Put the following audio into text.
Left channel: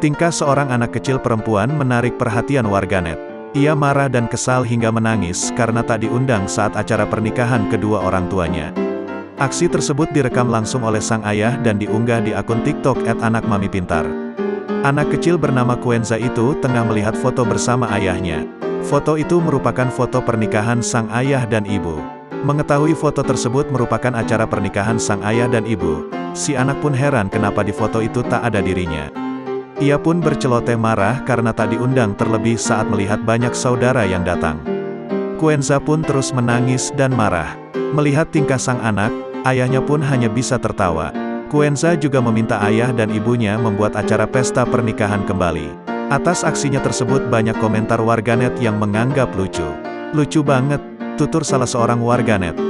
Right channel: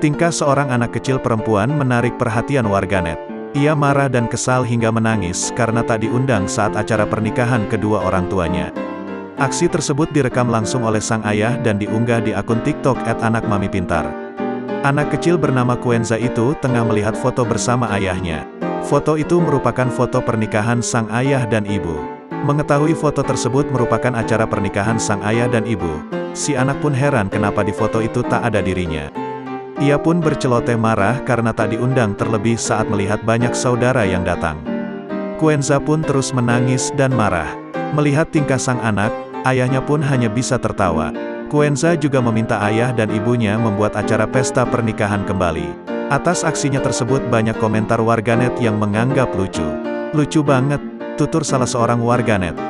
Tingkah seorang anak kecil perempuan menarik perhatian warganet. Ia marah dan kesal hingga menangis karena tak diundang saat acara pernikahan kedua orang tuanya. Aksi tersebut direkam langsung oleh sang ayah dan diunggah di akun TikTok @anakmamipintar. Anak kecil bernama Kuenza itu tengah melihat foto bersama ayahnya. Foto itu merupakan foto pernikahan sang ayah dan ibu. Mengetahui foto tersebut merupakan acara pernikahan sang ayah dan ibu, si anak pun heran kenapa di foto itu tak ada dirinya. Ia pun berceloteh marah karena tak diundang terlebih saat melihat banyak saudara yang datang. Kuenza pun terus menangis dan marah. Melihat tingkah sang anak, ayahnya pun hanya bisa tertawa. Kuenza juga meminta ayah dan ibunya membuat acara pesta pernikahan kembali. Atas aksinya tersebut banyak komentar warganet yang menganggap lucu. Lucu banget, tutur salah seorang warganet.